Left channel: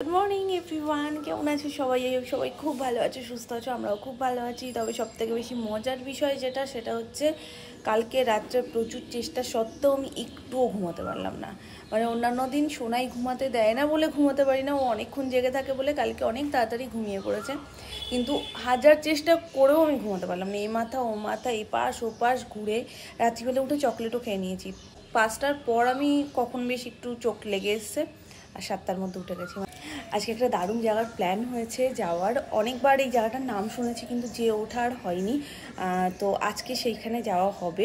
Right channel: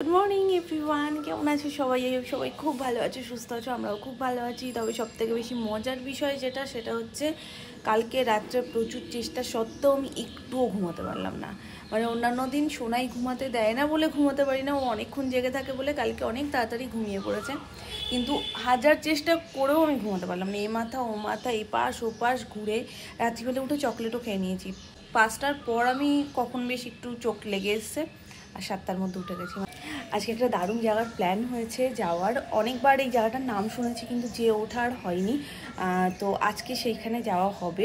Good morning everyone, কেমন আছে সবাই? সবাই খুব ভালো আছে, সুস্থ আছো, আমরাও খুব ভালো আছি। তবে সবথেকে বেশি মজার বিষয় সেটা হচ্ছে কালকে রাত্রে প্রচুর চেষ্টা সত্ত্বেও আমি একটুও ঘুমাতে পারলাম না। মানে অন্যান্য দিন সোনাই ঘুমাতে দেয় না বলে ঘুমাতে পারি না, ও অনেকক্ষণ জেগে থাকে বলে কালকে অনেক তাড়াতাড়ি ঘুমিয়ে পড়েছে। কিন্তু হাজার চেষ্টা করেও আমি ঘুমাতে পারলাম না। এ মাথা ও মাথা, এপাশ ওপাশ ঘুরে রাত্রিবেলা উঠে চকলেটও খেয়ে নিয়েছি। 5টার পর আমি কখন বেশ একটু চোখ লেগে এসছে আর 7টার মধ্যে উঠে গেছি। আজকে একটা দারুণ জায়গার প্ল্যান হয়েছে যাওয়ার। অনেকবার এই জায়গাটার নাম শুনেছি কিন্তু যেয়ে ওঠার হয়নি, তো আজকে সেইখানে যাওয়া হবে।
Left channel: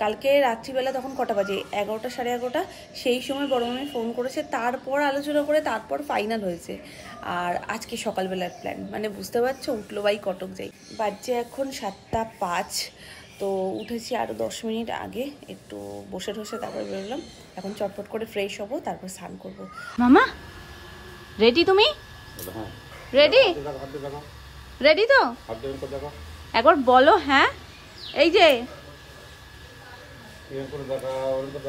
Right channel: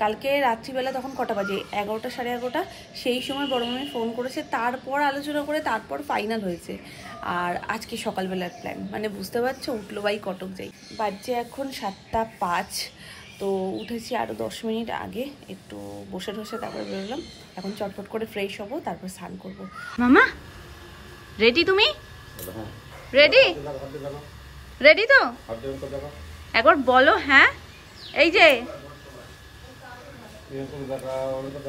কালকে রাত্রিবেলা তখন কটা বাজে, 11টা সাড়ে 11টা, সেই সময় বড় মামি ফোন করেছে, তারপর আলোচনা করে তারপর ফাইনাল হয়েছে। আর আজকে সকালবেলার প্ল্যান, মানে বুঝতে পারছো, উঠলো বাই কটক যাই। বাজছে এখন 7টা 5, তো উঠেছি আরও 10 মিনিট আগে, একটু বসে ঠসে তারপরে বেরোলাম। এখন চটপট করে ফ্রেশ হবো, তারপর স্নান করবো। মামা রেডি? তুমি রেডি? রেডি তো একবার বলো। হ্যাঁ, এই যে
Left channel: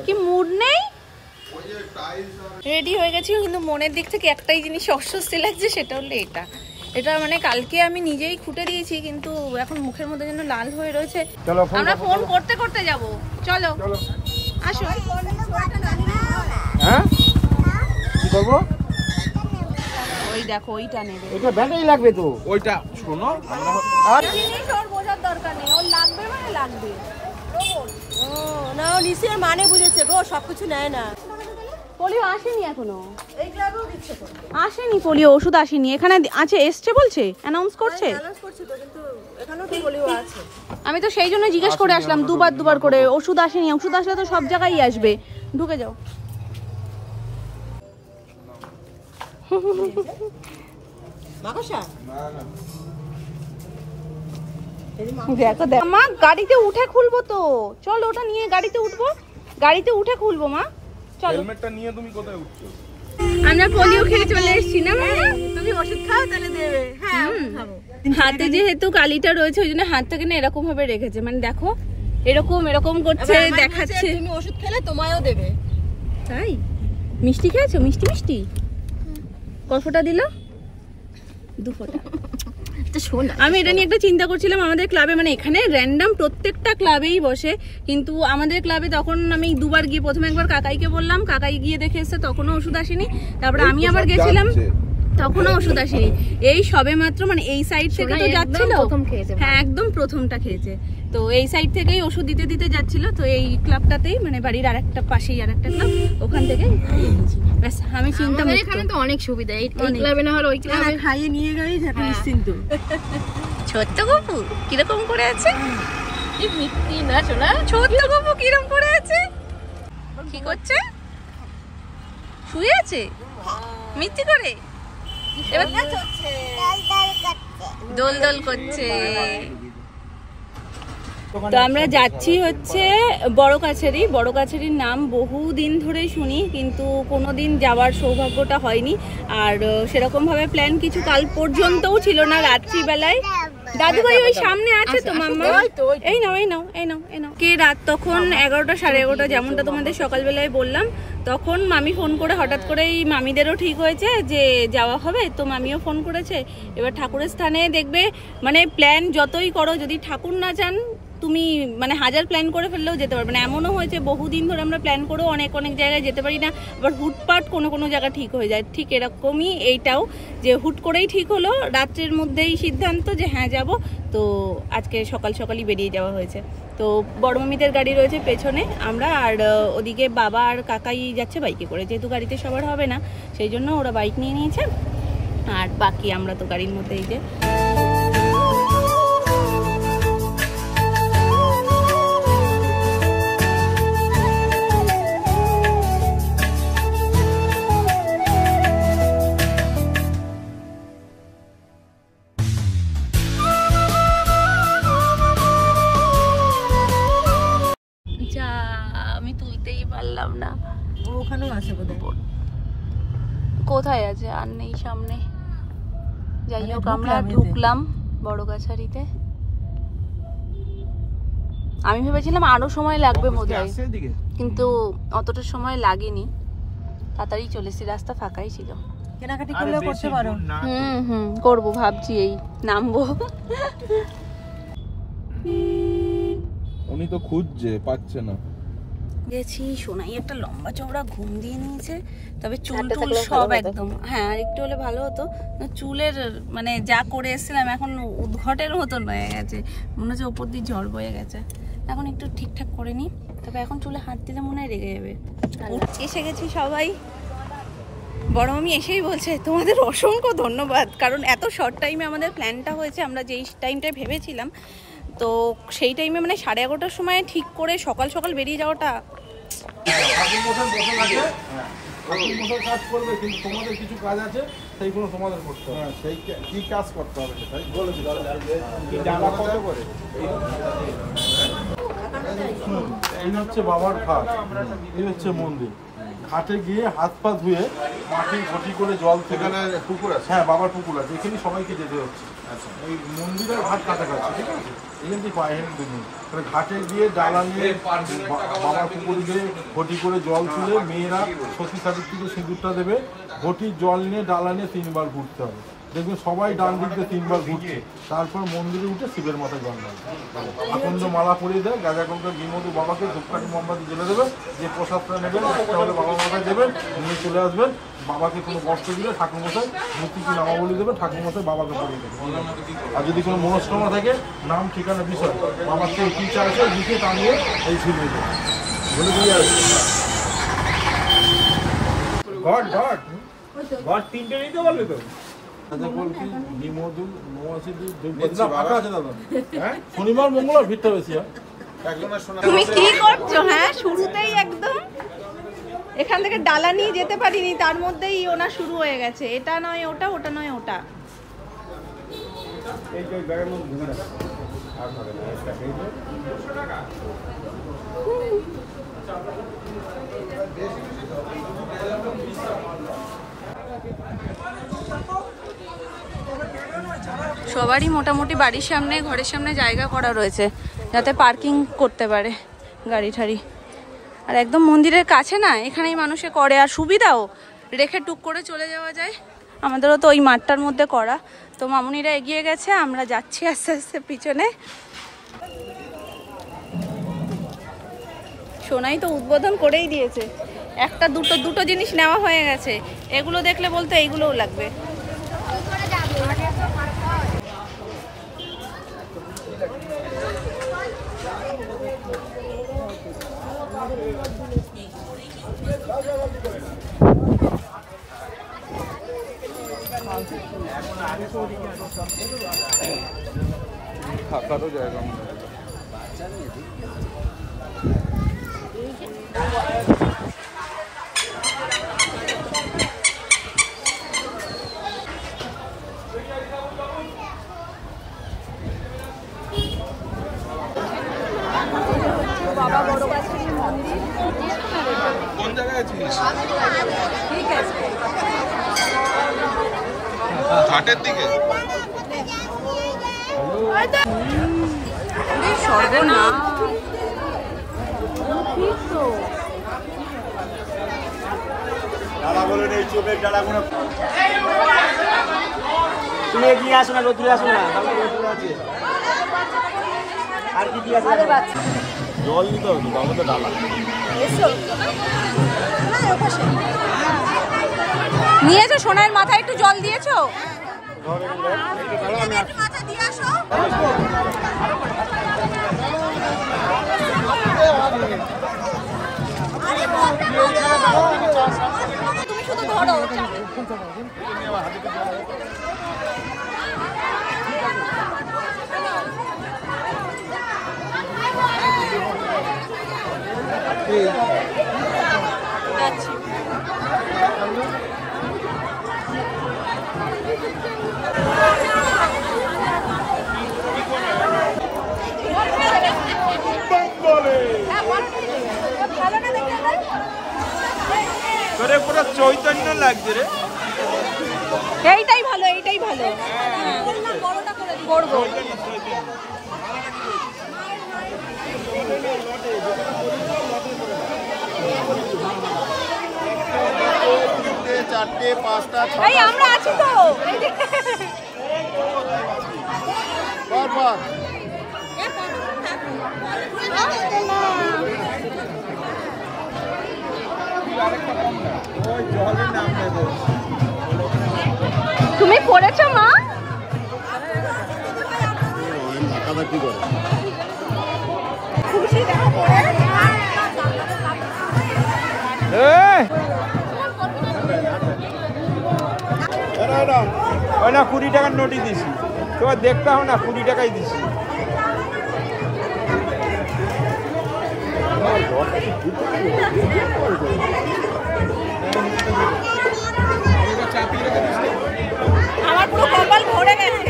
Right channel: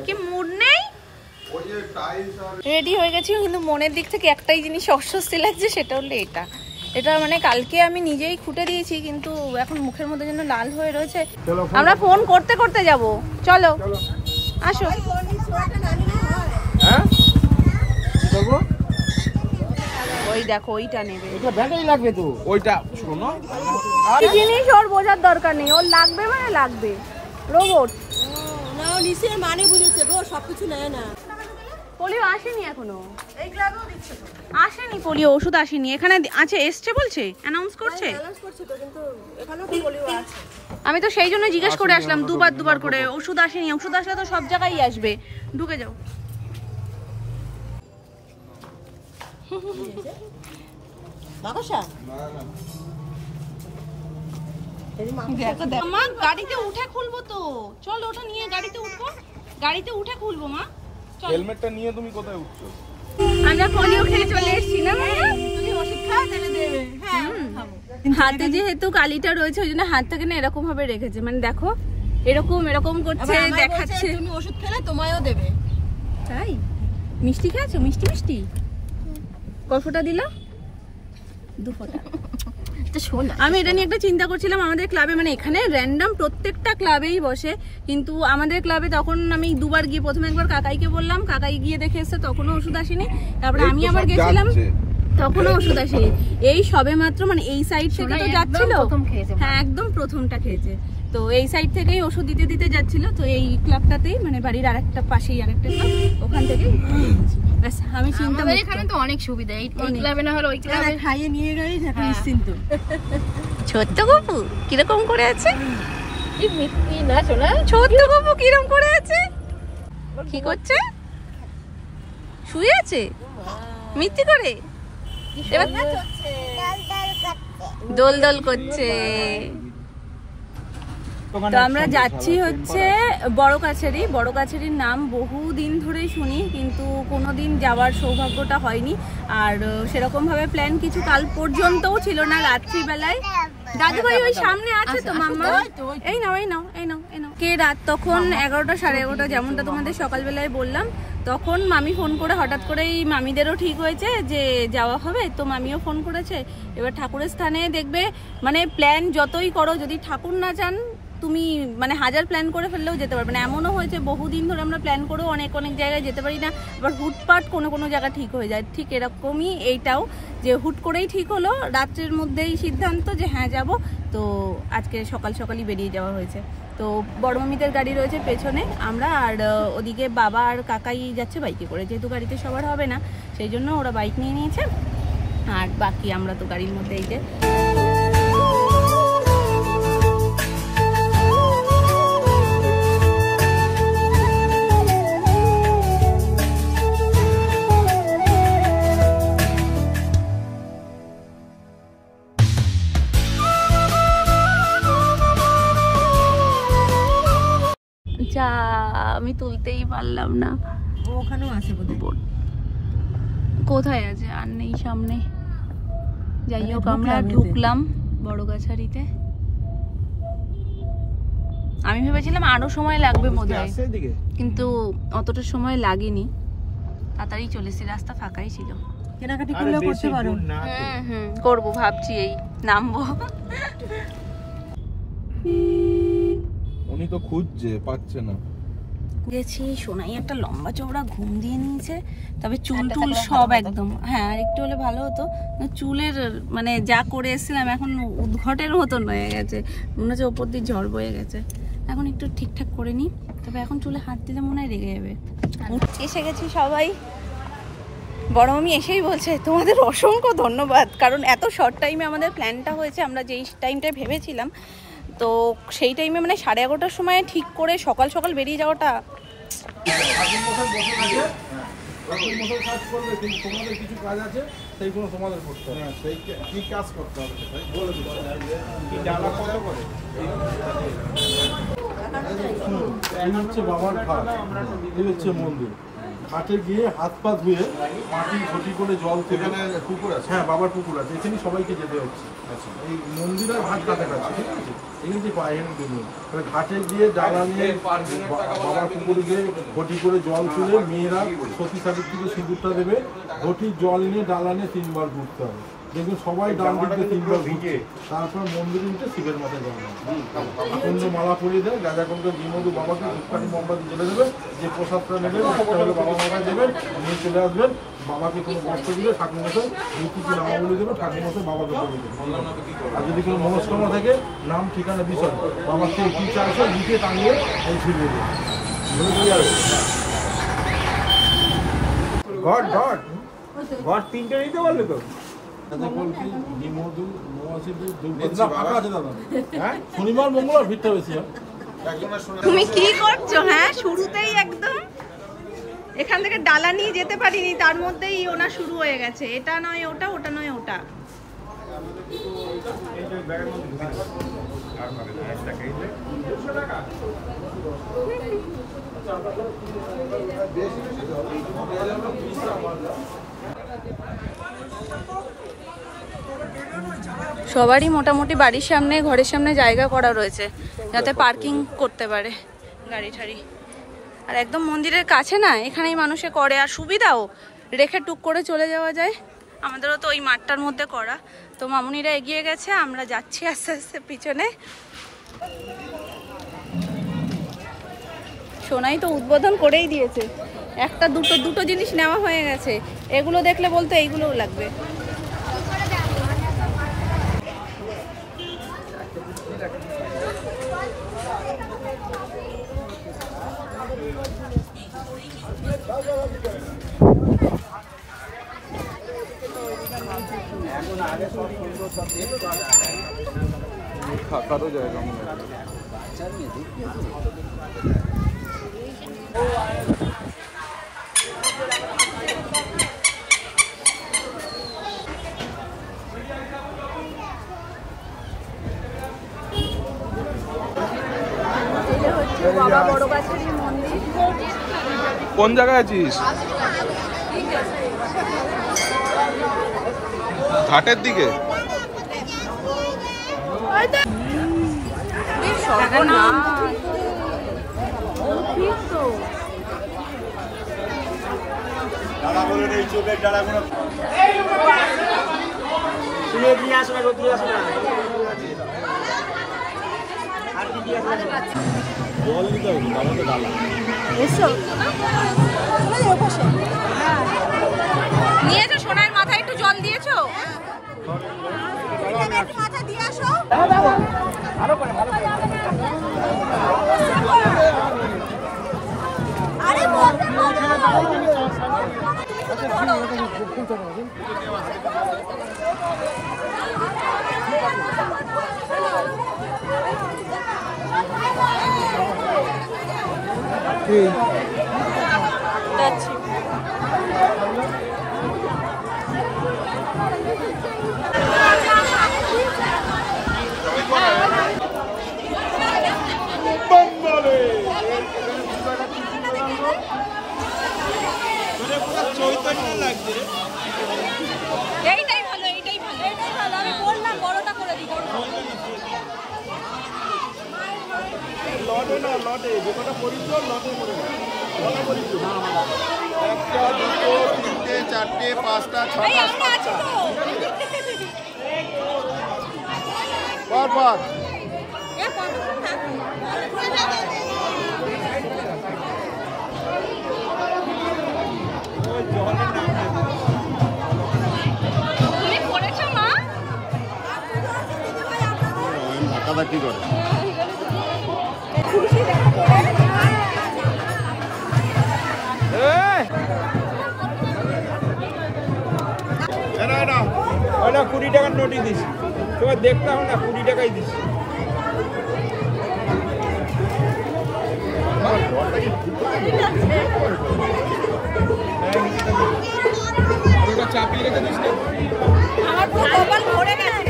কি মুড নেই, রেডি হয়ে গেছি, কিন্তু মনের দিক থেকে একটাই জিনিস অস্বস্তি লাগছে, সেটা হলো এটা মানে কালকে আমি নিজেই খুঁটে দিয়েছি, কিন্তু এখন মুখের মধ্যে যেন লাল হয়ে রয়েছে। আমরা ফোন করতে করতে যাব, চলো আসো। কি করবো? ওই দেখো, ওইটা নেবে, এটা ব্যাটারি লাগবে তো। ওইটা শোনো, এই জিনিস ওর বোঝার দরকার নেই, ওর লাগবে মানে লাগবে। রোবট না, ও নিশ্চয়ই মানে বুঝেছে গো, সবকিছু নেয় না। পোলিও আসেনি এখনো, আসেনি পোলিও ওষুধ আসেনি। এখানে আছে, এসছে বলছে, অ্যানাউন্স করছে তো, কিন্তু এখানেও তো পোলিও আছে। আমি তো সেই জন্য জিজ্ঞেস করে আসলাম দুবার করে। ওষুধ আসেনি, ওষুধ আসলে তো সব জায়গায় আসবে। ঢুকে যাও। মা গাড়িতে উঠে খুলবো তো, চল ওটা নিয়ে গাড়িতে উঠবো, গাড়িতে উঠে খুলবো। মা চল, হেলমেটটা নিয়ে তুমি কোথায় উঠছো? আমরা পোলিও খেয়ে চলে এসেছি না। তুমি ওষুধ খাও, তাহলে দেবে। হ্যাঁ, খাবো। হাতে যেহেতু কালিটা রয়েছে ওই জন্য হাতটাকে না এরকম ভাবে রেখেছে, মানে দেখো এরকম করছে, দেখাচ্ছে। তুমি ওষুধ খেলে তোমায়ও দেবে। তাই মিষ্টি খেয়েছো? মিষ্টি কয় ফোঁটা দিল? 2 ফোঁটা। আমি এটা নিয়ে একটা চিন্তা করছিলাম, আমাদের ক্লাবে, মানে এখানে র্যান্ডাম প্রত্যেকটা ক্লাবেই বসে, কিন্তু আমাদের ক্লাবে তখন আমি 2বার গিয়ে, প্রথমে একবার কাকাইকে বললাম, কাকাই গিয়ে দেখে এসছে, তখনও ওষুধ আসেনি। তারপরে আমি আবার গেছিলাম, তখনও ওষুধ আসেনি। এই সবে মাত্র, মানে এই সাইড থেকে তো যাচ্ছিল, হ্যাঁ একদম প্রথমটা খেয়েছে, তো এই সাইড থেকেই ওষুধ দিতে যাচ্ছিল। তো এই ক্লাবটাতেই, মানে বাড়ির আরেকটা পাশেই আরেকটা ক্লাব, ওখান থেকে আমি চিন্তা, এখানে তো অনেক সুবিধা, এই ক্লাবে না হলে ওই ক্লাবে খাইয়ে নিয়ে গেলেই নিশ্চিন্ত। ছোট্ট বাবু কিরকম করে আছে? এই মিষ্টি না শোনা, ছোট্ট বাবু কিরকম করে আছে? কি করছে? শুয়ে আছে মিষ্টি করে, দোল করছে। তো আমরা যাচ্ছি হচ্ছে বড় কাছারির নাম বহুদিন ধরেই শুনি, কিন্তু কোনোদিন যাওয়ার সৌভাগ্যটা হয়নি। আর সেরকম ভাবে প্ল্যান কিছু কাল পর্যন্তও ছিল না। রাত্রিবেলায় দাদু ভাই ওই সামনে আছে তো, মাম্মা এই নাও কে রাত তখন 11টা সাড়ে 11টা, যেমনটা তোমাদের সকালবেলায় বললাম। তখন মামি ফোন করে, হঠাৎ করেই মামিদেরও ঠিক হয়েছে যে যাওয়া হবে, তো মামিও ফোন করেছে। এবার ঠাকুরের স্থানে দেখবে, মানে প্ল্যান যতই করো, যদি ঠাকুর না চান তুমি মানে 1000 প্ল্যান করে ফেললেও যেতে পারবে না। এমনও হয়েছে বহুদিন ধরে আমরা প্ল্যান করেও অনেক জায়গায় যেতে পারি না, আবার হুটপাট কোনো জায়গা ঠিক হয়ে যায়। ঠিক এরকমই এইটাও, যে হুট করেই ঠিক হলো, রাত্রের মধ্যেই সিদ্ধান্ত যে হ্যাঁ যাব। তো আজকে সকালই বেরিয়ে যাওয়া হয়েছে। তো বড় মামিদের গাড়ি রয়েছে পেছনে, আমরা আর ওদিকে বাবা আর কাকাই যাচ্ছে বাইকে করে, যেহেতু গাড়িতে সবার হবে না সেই জন্য ওরা বাইক নিয়ে নিয়েছে, আর বাকি আমরা তো গাড়ির মধ্যে। এই যে আমি তুলতেই পারলাম না, ওখানেও আছে বোধহয়। কোথায় আছে আর নেই সামনে। যাই হোক, আমরা ঢুকলাম বড় কাছারিতে। আমি ভেবেছিলাম আরো সময় লাগবে বোধহয়, কিন্তু অতটা সময় লাগেনি, তাড়াতাড়ি চলে এসেছি, রাস্তা ফাঁকাই ছিল। কেনাকাটি করলেও করতে পারো। করবো ভাবছি, এই নামবো। উনি তো খুঁজছে, পাচ্ছে না। গেছি, সোনাই একটা লম্বা চওড়া ঘুম দিয়ে নিয়েছে, তবে চুল টুল সব একদম, হ্যাঁ আর একটু হলে ভালো হতো। চুলের মানে যা করে এসেছিলাম এখন উদ্ঘটের মতন হয়ে গেছে, মনে হচ্ছে ওপর দিয়ে ঝড় বয়ে গেছে। এখন একটু ঠিকঠাক করে নিই, তবে এখন চুলে হাত দিলে মনে হয় রেগে যাবে। এসে গেছি সবাই, বড় মামি এসেই বলছে তোমাদের অসংখ্য ধন্যবাদ, কারণ এত শর্ট টাইমে আমাদের প্ল্যানটা হয়েছে। আমরা যেই টাইমটায় ভেবেছিলাম, তো সেই টাইমে মানে 11:30টার সময় ঠিক করে সকাল সকাল বেরিয়ে যাওয়াটা। কাজ করবে, কিন্তু তোমাদের কিছু কাজ আছে, সেইগুলো তোমাদের করতে হবে। সেই কি কাজ করতে হবে সেটাই বলে দিতে হবে। এই হচ্ছে বাবার ঘাট, এই হচ্ছে মন্দির। ঘাটে গিয়ে হাত পা ধুয়ে মাটি ঘটি করে জল, সেখানে পুকুর আছে, হ্যাঁ বাবার পুকুর আছে, এখানে সবাইকে যেতে হচ্ছে। এই মন্দিরের ঘাট কাছাকাছি, ঠিক আছে, এখান থেকে পায়ে ঘাটে গিয়ে ডালা নিয়ে বাবার পুকুরে গিয়ে ঘটি করে জল তুলে মেয়েরা সতী সাবিত্রীকে সিঁদুরটা দেবে। ঘটির জল নিয়ে ডালা নিয়ে 3বার ঘুরতে হবে। দেখুন সবাই ডান দিক দিয়ে 3বার ঘুরছে, তারপর মন্দিরে উঠে শিবের মাথায় জল দেবে, আকন্দ মালা পরিয়ে দেয়, গাঁজা কঙ্কর বিমধু বাবাকে ধূপকাঠি মোমবাতি জ্বেলে দেবেন। যে প্রসাদটা নেবেন একটা হলে বাবা মাথায় দেবেন, নিয়ে চলে আসবেন। বাবাকে কোনো বস্ত্র দিলে ঠাকুরমশাই মূর্তি কি নামাবলি দেবেন, ঠাকুরমশাই বাবাকে পরিয়ে দেবেন। আর যদি কোনো মনস্কামনা থাকে, নাম ঠিকানা বিষয় বাবার থেকে কী চাইছে লিখে টাঙিয়ে এই ফিরবে বলে দিয়ে আসবে। ঘট ঘট ঘট 3টে নিতে পারলে তো। শনিবার মঙ্গলবার ভিড়টা বেশি হয়। তুমি কি করছো? হ্যাঁ শুরুতেই একদম এখান থেকে ডালা নিয়ে যেতে পারিনি, তার মধ্যেই ওনা শুরু হয়ে গেছে, এটা নয় ওটা, ওটা নয় ওটা। সবারই মোটামুটি বাড়ির সামনে, ঘরের সামনে জায়গা করা রয়েছে যাতে পার্কিং করতে পারে গাড়ি ঠাড়ি। আর একদম মন্দিরের কাছে না, এখানেই মানুষে করে, আর সুবিধাও, রেখে টুক করে চলে যাওয়া যায়। আমাদেরও তো ওই মাঠটার মধ্যে করা। তো মামুনিরা এগিয়ে গেছে, আমরা যাচ্ছি আস্তে আস্তে পিছনে। সোনাই তো উদ্বোধন করেই দিয়েছে, একটা দুটো জিনিস নেওয়া হয়ে গেছে। এগুলো দেখলে বলতে এইগুলোও লাগবে। থাকারও জায়গা বাবা বড় গাছের মন্দির। কোন জায়গায় আছিস? ঘাটের দিকে। সর্বনাশ, ডালা বলে নেই, চোখের ডালাগুলো তুমি এগিয়ে আসো না, তুই আসো না, আর কি দিয়ে আসো? জল দিতে হবে তো, আমাদের ডালা নিয়েছো? সোনার মাথায় একটু জল দিয়েছো? যাচ্ছি। চৈতন্য লাগছে রে। এইটাই ভালো, এইটাই ভালো। বড়টা করে দিই, বড় লটে না, লটে যেটা পরিচয় লটে করে না। তিনটে, চারটে, পাঁচটা, ছটা, সাতটা। পর তুমি করেছো মা? ধাক্কাধাক্কি করে খুশি দেখো করে। না 20 টাকার নোটই দিছি, তোমার দেখতে হবে না, 20 টাকাই দিছি। আমার পুরো কপাল ভরে গেছে।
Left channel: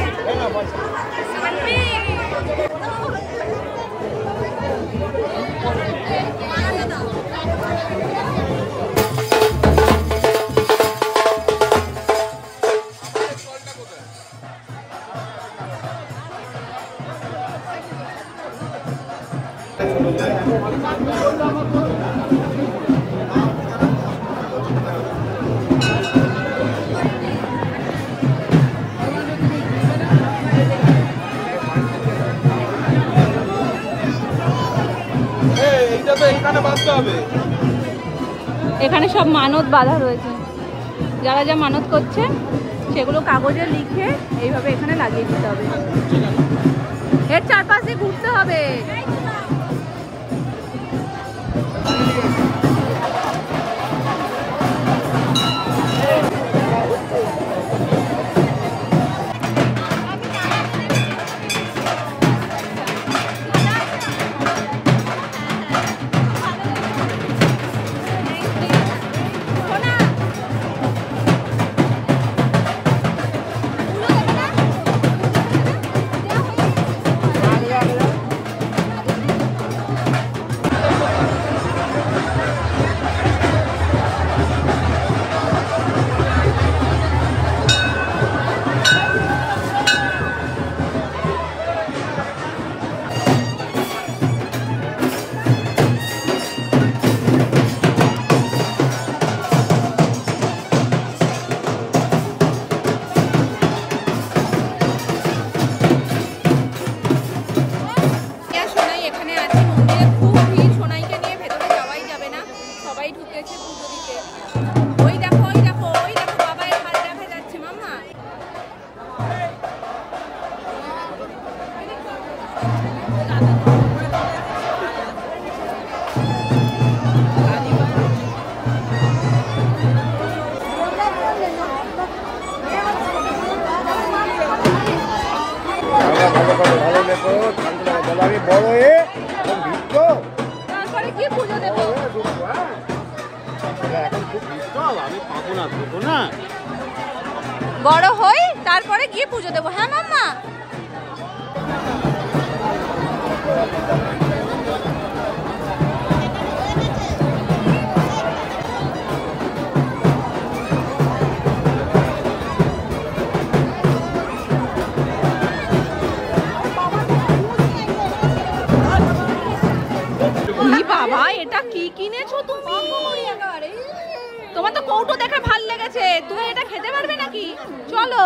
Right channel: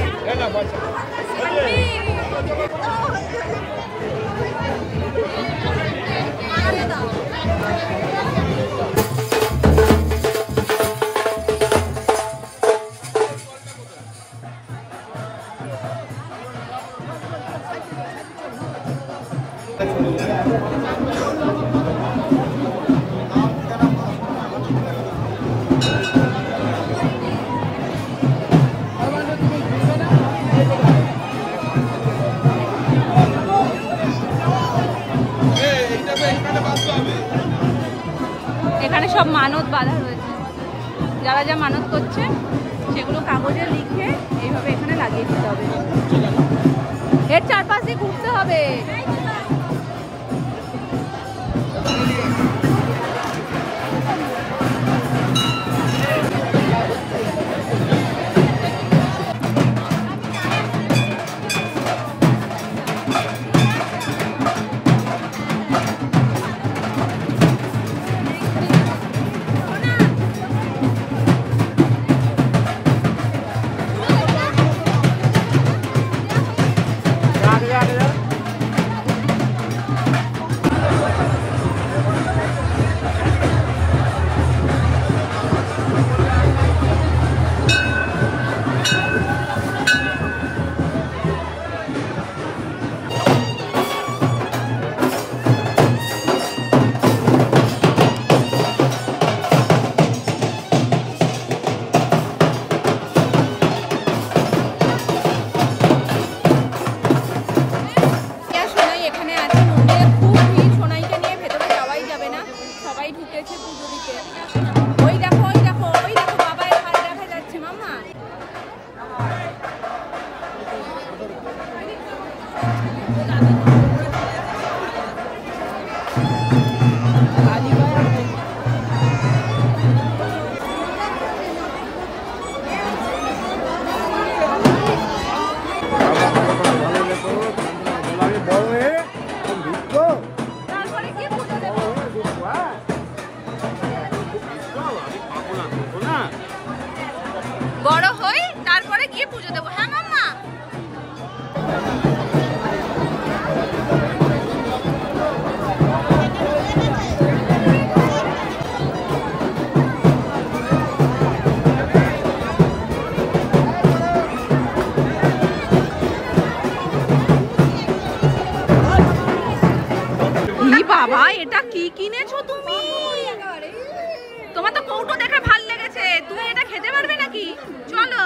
এখানে সব মানত বাঁধা রয়েছে, যারা যা মানত করছে সেগুলো কাগজে লিখে এইভাবে এখানে লাগিয়ে দিতে হবে। এর চারপাশে ঘুরতে হবে। বড় হই তারপরে গিয়ে পুজো দেবো। হ্যাঁ মাম্মা। বাবা এটা কি কিনেছো তুমি? তোমার তো কৌটো দেখে ভাল লেগেছে, তুমি এটা খেতে পারবে নাকি? চলো।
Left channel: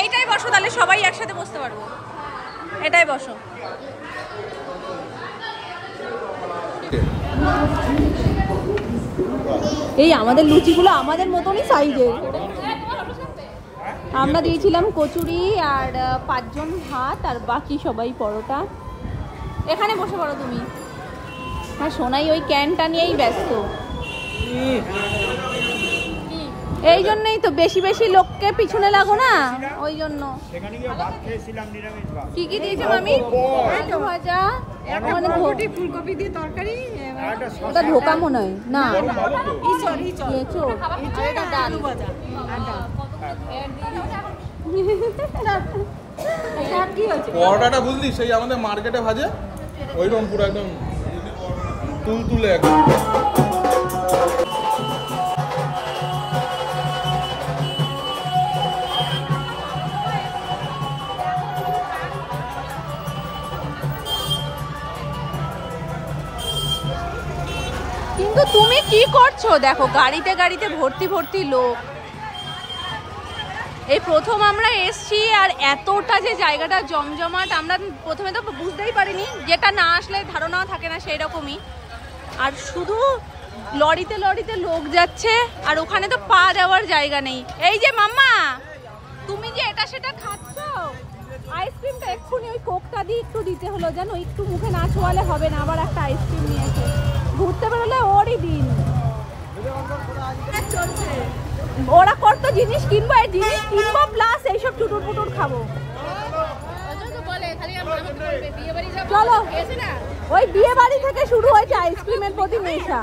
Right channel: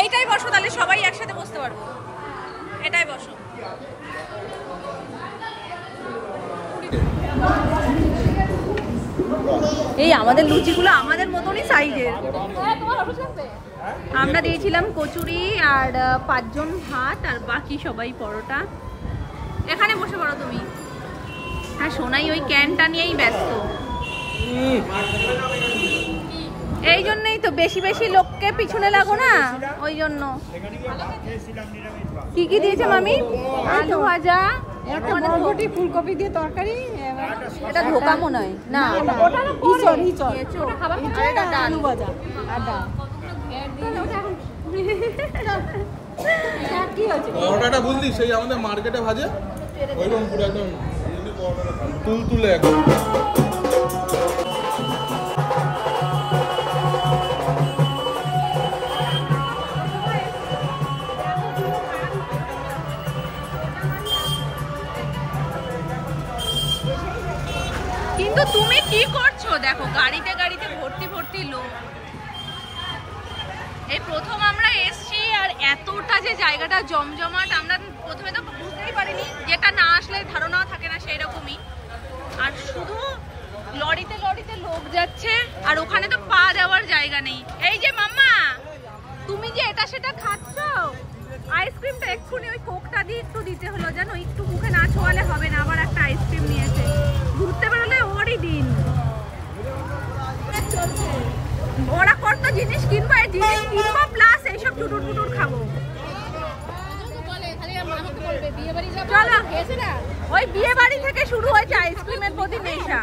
এইটাই বসো, তাহলে সবাই একসাথে বসতে পারবো। এটাই বসো। এই আমাদের লুচিগুলো আমাদের মতনই সাইজের। আমরা দিয়েছিলাম কচুরি আর 5 জন ভাত আর বাকি সবাই পরোটা। এখানে বসে পড়ো তুমি। হ্যাঁ সোনাই ওই ক্যানটা নিয়েই ব্যস্ত। এই জন্যই তো বেশি বেশি লোককে পিছনে লাগো না, ওই জন্য। কি কি দিয়েছে মামি? ভাজা, ফুলকপি দিয়ে তরকারি, এটা ধোকা মনে হয় না, পরোটাটা বুঝলি সেই আমাদের মার্কেটে ভাজে ওইরকম পুরো একদম তুলতুলে একদম। কিন্তু তুমি কি করছো? দেখো গাড়িতে গাড়িতে ভর্তি ভর্তি লোক। এই প্রথম আমরা এসছি আর এতটা যে জায়গাটা জমজমাট, আমরা প্রথমে তো বুঝতেই পারিনি, যেটা না আসলে ধারণাও থাকে না সেই রকমই। আর শুধু লরিতে লরিতে লোক যাচ্ছে, আর ওখানে তো পা দেওয়ার জায়গা নেই। এই যে মাম্মা, তুমি যে এটা সেটা খাচ্ছ, আইসক্রিমটা এক্ষুনি ওই কোকটা দিয়ে একটু দিতে হলো, জানো, একটু মুখে না ছোঁয়ালে হবে না। আবার একটা আইসক্রিম নিয়েছে, ঘুরতে বেরোলে ওরই দিন চলছে। ওরা কত জিনিস কিনবো, এই জিনিস কিনবো প্লাস এইসব চুটুর পুটুর খাবো। চলো, ওই বিয়ে বাড়ি থেকে শুরু হয়েছে আইসক্রিমের প্রতি নেশা।